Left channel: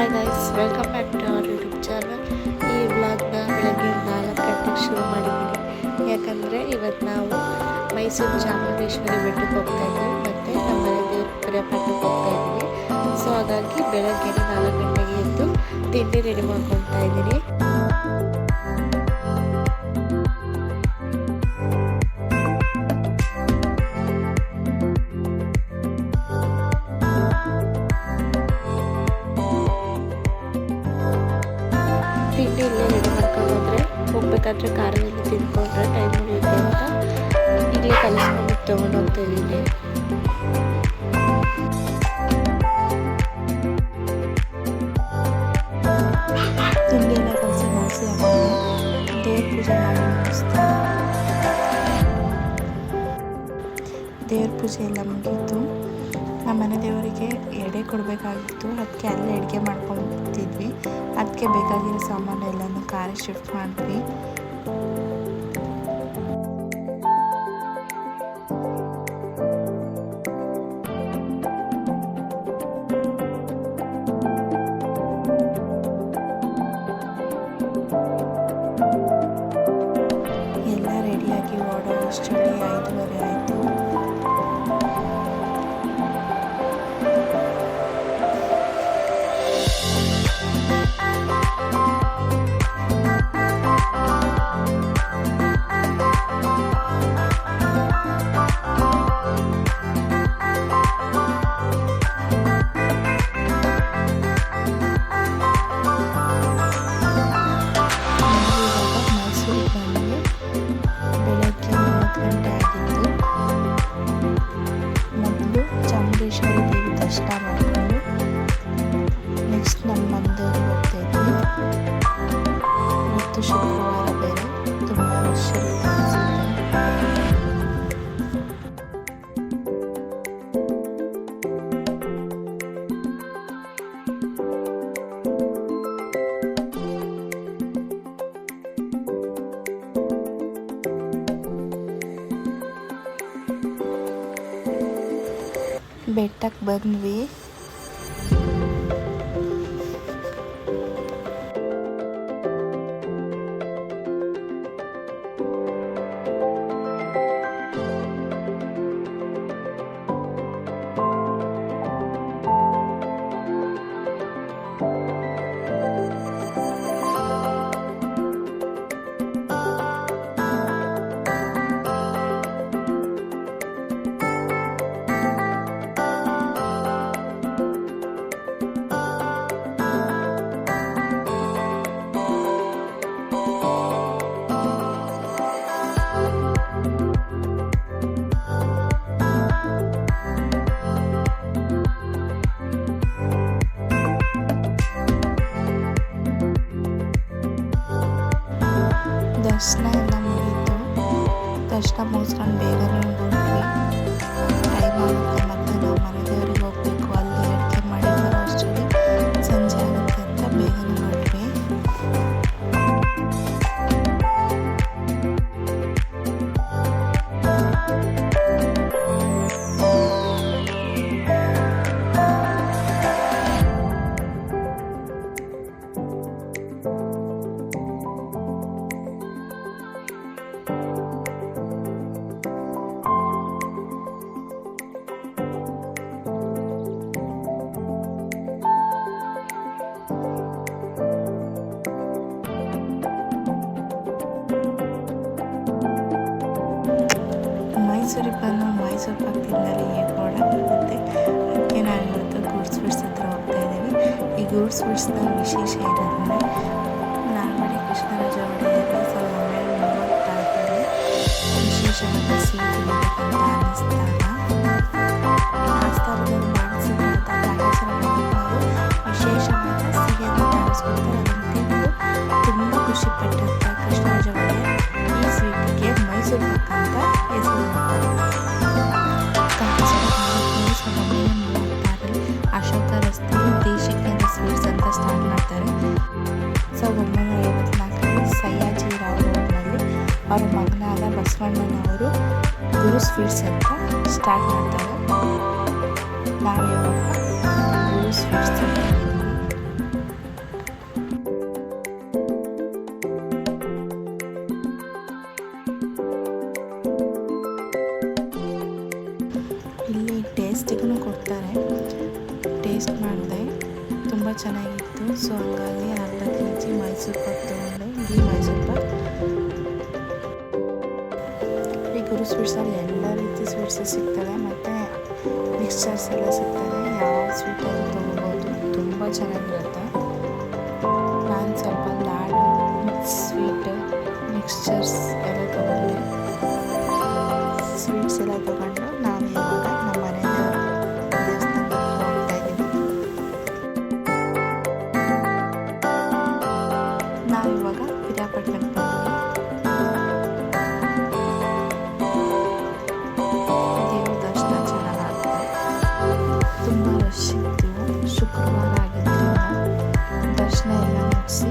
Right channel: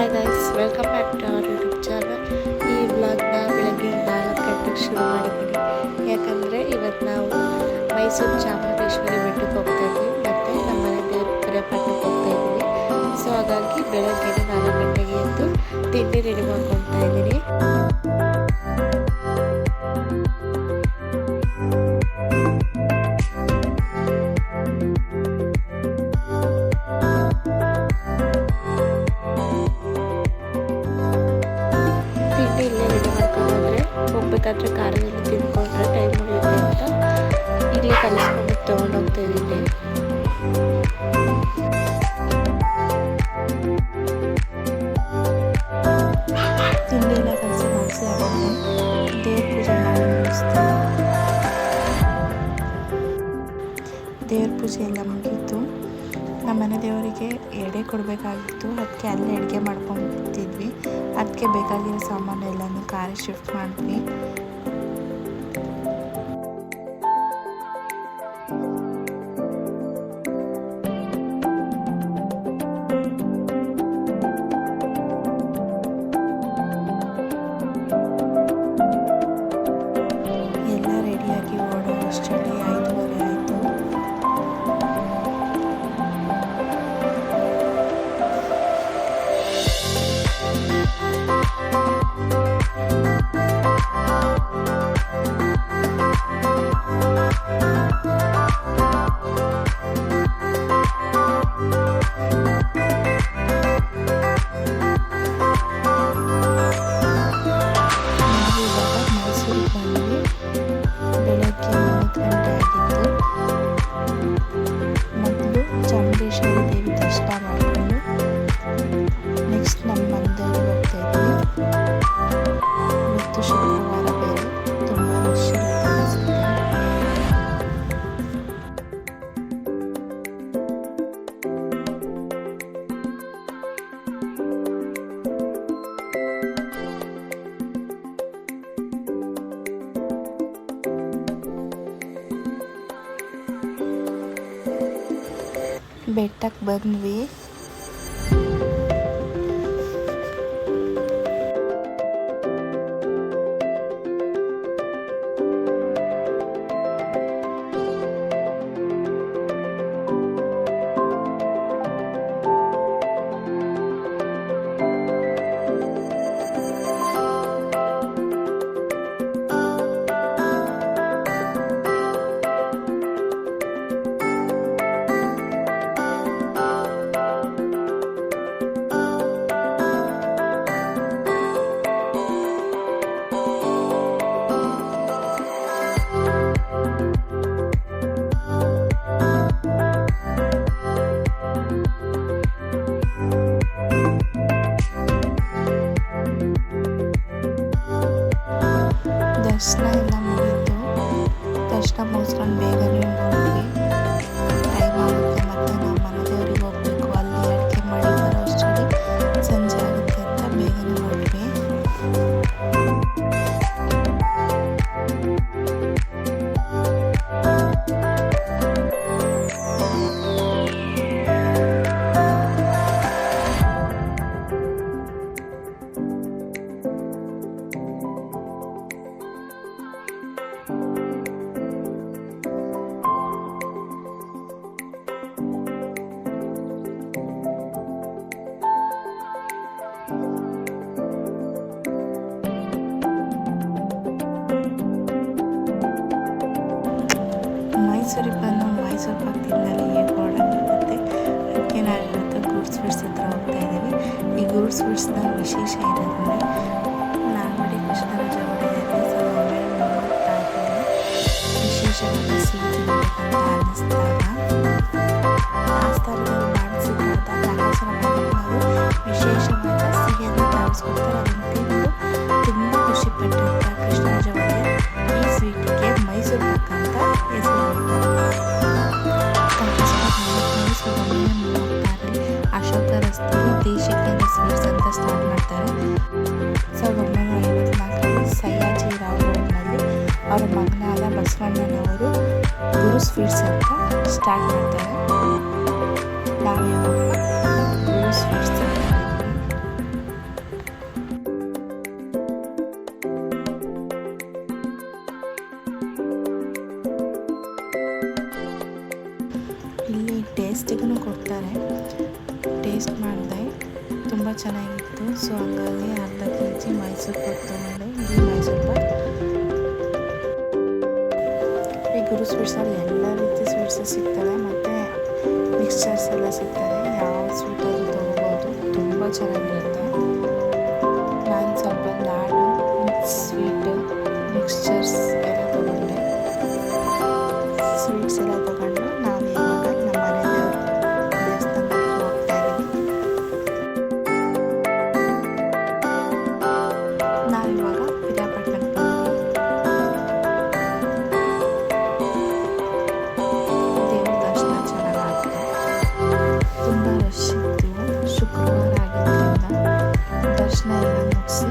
Hi guys, welcome back to our YouTube channel. ಈ ವ್ಲಾಗ್ನ ಬೆಳಗ್ಗೆ 4 ಗಂಟೆಗೆ ಶುರು ಮಾಡಿದ್ದೀನಿ. ಯಾಕಂದರೆ ಇವತ್ತು ನಾವು ಮೈಸೂರು ಚಾಮುಂಡೇಶ್ವರಿ ಬೆಟ್ಟಕ್ಕೆ ಹೋಗ್ತಾ ಇದ್ವಿ ಮತ್ತು ನಮ್ಮ ಮನೆ ದೇವ್ರ ಕರೆಪಟ್ಟಕ್ಕೆ ಹೋಗ್ತಾ ಇದ್ದೀವಿ. ಸೊ ಹಾಗಾಗಿ ಬೆಳಗ್ಗೆ 4 ಗಂಟೆಗೆ ಎದ್ದು ತಿಂಡಿ ರೆಡಿ ಮಾಡ್ಕೊತಾ ಇದ್ದೀನಿ. ತಿಂಡಿ ಇಲ್ಲೇ ರೆಡಿ ಮಾಡ್ಕೊಂಡು ಹೋದರೆ ಹೋಗ್ಬೇಕಾದ್ರೆ ಕಾರಲ್ಲಿ ತಿಂದ್ಕೊಂಡ್ರೆ ಟೈಮ್ ಉಳಿಯುತ್ತೆ ಅಂತ ಇಲ್ಲೇ ಕಲಿಸ್ಕೊಂಡು ತೊಗೊಂಡೋಗ್ತಾ ಇದ್ದೀನಿ. ತಿಂಡಿ ಎಲ್ಲ ಕಲಸಿ ಮುಗಿಸಿ ಆಮೇಲೆ ದೇವ್ರ ಪೂಜೆ ಮಾಡಿ ಮುಗಿಸ್ತೀನಿ. ದೇವ್ರ ಪೂಜೆ ಎಲ್ಲ ಮುಗೀತು. ನಮ್ಮ ಮನೆ ದೇವರಿಗೆ ಎಡೆ ಕೊಡಬೇಕಾಗಿತ್ತು, ಅದಕ್ಕೆ ಅಲ್ಲೇ ಅಡುಗೆ ಮಾಡ್ಕೊತಿದ್ವಿ. ಅದಕ್ಕೆ ಬೇಕಾಗಿರೋ ಸಾಮಾನು ಎಲ್ಲನೂ ಕಾರಿಗೆ ಶಿಫ್ಟ್ ಮಾಡಿದ್ವಿ. ಎಲ್ಲ ರೆಡಿಯಾಗಿ ಓಡೋ ಅಷ್ಟರಲ್ಲಿ 5:30 ಆಯಿತು. ಬೆಳಗ್ಗೆ 9 ಗಂಟೆ ಆಗಿತ್ತು. ಮೊದಲು ಚಾಮುಂಡೇಶ್ವರಿ ದೇವಿ ದರ್ಶನ ಮಾಡಿಕೊಂಡು ನೆಕ್ಸ್ಟ್ ನಮ್ಮ ಮನೆಯವ್ರಿಗೆ ಹೋಗ್ತಾ ಇದ್ವಿ. ಇವತ್ತು ಶುಕ್ರವಾರ ಬೇರೆ ತುಂಬ ರಶ್ ಇರುತ್ತೆ ಅನಿಸುತ್ತೆ. ಬೆಟ್ಟಕ್ಕೆ ಬಂದ್ವಿ. ದರ್ಶನ ಎಲ್ಲ ಮುಗೀತು. ದರ್ಶನ ಮುಗಿಸ್ಕೊಂಡು ಬೇಗನೆ ಹೋದ್ವಿ. ಟೈಮ್ ಆಗುತ್ತೆ ಮತ್ತು ನಾವು ಮನೆ ದೇವ್ರಿಗೆ ಹೋಗಬೇಕು. ಅಲ್ಲಿ ಅಡುಗೆ ಮಾಡಿ ಬರೋ ಅಷ್ಟರಲ್ಲಿ ಸಂಜೆ ಆಗುತ್ತೆ ಅಂತ ಬೇಗನೆ ಹೊರಟ್ವಿ. ಮೈಸೂರಿಗೆ ಬಂದು ಮೈಸೂರು ಪಾಕ್ ತಿಂದಲ್ಲಿ ಏನು ಓಡಾಗಿರುತ್ತೆ. ಅದಕ್ಕೆ ನಾವು ಇವತ್ತು ಗೂಡ್ ಸ್ವೀಟ್ಸ್ ಹತ್ರ ಹೋಗ್ತಾ ಇದ್ದೀವಿ. ಈ ಗೂಡ್ ಸ್ವೀಟ್ಸ್ನ ವಿಶೇಷ ಏನಂದರೆ ನಾಲ್ವಡಿ ಕೃಷ್ಣರಾಜ ಒಡೆಯರಿಗೆ 1936ರಲ್ಲಿ ವಿಶೇಷವಾದ ಸಿಹಿ ತಿನ್ನಬೇಕಂತ ಅನ್ನಿಸ್ದಾಗ ಆ ಸ್ಥಳದಲ್ಲಿ ಮಾಡಿಸಿದಂಥ ರಂಗಾಸರ ಮನೆಯವರು ವಿಶೇಷವಾದ ಸಿಹಿಯನ್ನು ತರಿಸ್ಕೊಡ್ತಾರೆ. ಅದನ್ನು ತಿಂದು ತುಂಬ ಖುಷಿಪಟ್ಟಂಥ ಕೃಷ್ಣರಾಜ ಒಡೆಯರ್ ಈ ಸ್ವೀಟಿಗೆ ಮೈಸೂರು ಪಾಕ್ ಅಂತ ಹೆಸರು ಇಡ್ತಾರೆ. 1936ರಲ್ಲಿ ಅಶೋಕ ರಸ್ತೆಯಲ್ಲಿ ದೇಶಿಕೇಂದ್ರ ಸ್ವೀಟ್ಸ್ ಅಂತ ಸ್ಟಾರ್ಟ್ ಮಾಡ್ತಾರೆ. 1954ರಲ್ಲಿ ಸಯ್ಯಾಜಿರಾವ್ ರೋಡ್ನಲ್ಲಿ ಅವರ ಮಗನಾದ ಬಸವಣ್ಣನವರು ಗುರು ಸ್ವೀಟ್ಸ್ ಅಂತ ಸ್ಟಾರ್ಟ್ ಮಾಡ್ತಾರೆ. ನಾವಿವಾಗ ಗುರು ಸ್ವೀಟ್ಸ್ ಅಂತ ಇದ್ದೀವಿ. ಟೇಸ್ಟಿಗೂ ಕೊಡ್ತಾರೆ. ಟೇಸ್ಟ್ ಮಾಡಿದೆ, ತುಂಬ ಚೆನ್ನಾಗಿತ್ತು. ಸೊ ಹಂಗಾಗಿ ಅರ್ಧ kg ಮೈಸೂರು ಪಾಕ್ ತೊಗೊಂಡೆ, ಘೀ ಮೈಸೂರು ಪಾಕ್. ಈ ಗುರು ಸ್ವೀಟ್ಸಲ್ಲಿ ಎಲ್ಲ ರೀತಿ ಸ್ವೀಟ್ಸ್ ಸಿಗ್ತದೆ ಮತ್ತು ಮಿಕ್ಸ್ಚರ್ಸ್ ಎಲ್ಲ ಸಿಗ್ತದೆ. ಯಾವ ಸ್ವೀಟಲ್ಲಿ ತೊಗೋಬೋದು, ತುಂಬ ಚೆನ್ನಾಗಿರುತ್ತೆ. ನಾನು ಸ್ವಲ್ಪ ಲಾಡು, ಸ್ವೀಟ್, ಮಿಕ್ಸ್ಚರ್ಸ್ ಎಲ್ಲ ತೊಗೊಂಡೆ. ಸ್ವೀಟ್ಸ್ ಎಲ್ಲ ತೊಗೊಂಡು ನಾವು ಇವಾಗ ನಮ್ಮ ಮನೆ ದೇವಸ್ಥಾನಕ್ಕೆ ಹೋಗ್ತಾ ಇದ್ದೀವಿ. ನಾವಿವಾಗ ಪಿರಿಯಾಪಟ್ಟಣಕ್ಕೆ ಬಂದ್ವಿ. ದೇವ್ರ ದರ್ಶನ ಚೆನ್ನಾಗಾಗ್ತದೆ, ತುಂಬ ರಶ್ ಇತ್ತು. ಶುಕ್ರವಾರ ಆಗಿದ್ದರಿಂದ ದರ್ಶನ ಎಲ್ಲ ಮುಗಿಸಿ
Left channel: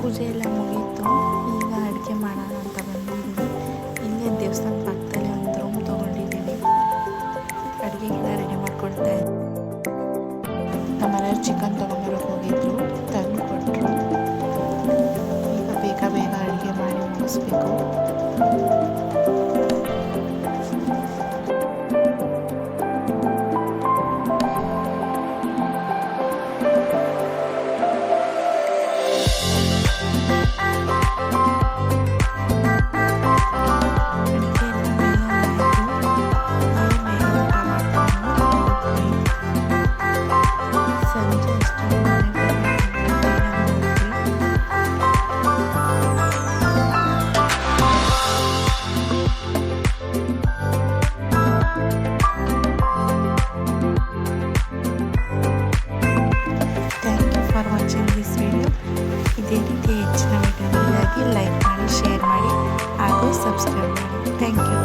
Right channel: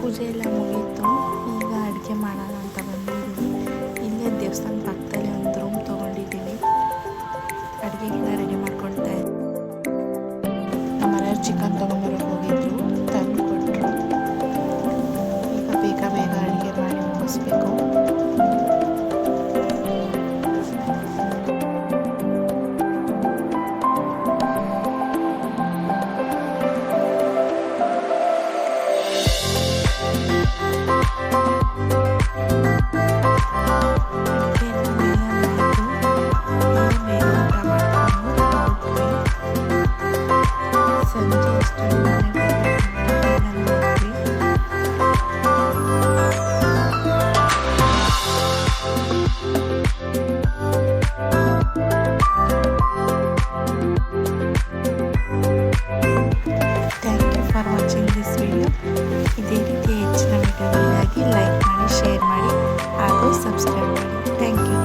ಪೂಜೆ ಎಲ್ಲ ಮುಗೀತು. ಈಗ ಅಡುಗೆ ಮಾಡೋಣ ಅಂತ ಬಂದಿದ್ದೀವಿ. ಇಲ್ಲೇ ದೇವಸ್ಥಾನ ಪಕ್ಕದಲ್ಲಿ ಒಂದು ರೂಮ್ ತೊಗೊಂಡಿದ್ದೀವಿ. ಅಡುಗೆಗೆಲ್ಲ ರೆಡಿ ಮಾಡ್ಕೊಳ್ತಾ ಇದ್ವಿ. ನಮ್ಮ ಮನೆಯವ್ರು ಚಿಕನ್ ತೊಗೊಂಬರೋಕೆ ಹೋಗಿದ್ರು, ತಂದು ಕೊಟ್ಟರು. ಈಗ ಬೇಗ ಬೇಗ ಅಡುಗೆ ಮಾಡಿ ಮುಗಿಸ್ಬೇಕು. For watching this video. ಇದೇ ರೀತಿ ಹೆಚ್ಚಿನ ವಿಡಿಯೋಗಳಿಗಾಗಿ ಲೈಕ್ ಮಾಡಿ, ಶೇರ್ ಮಾಡಿ ಹಾಗೂ ಸಬ್ಸ್ಕ್ರೈಬ್ ಮಾಡಿ. Thank you.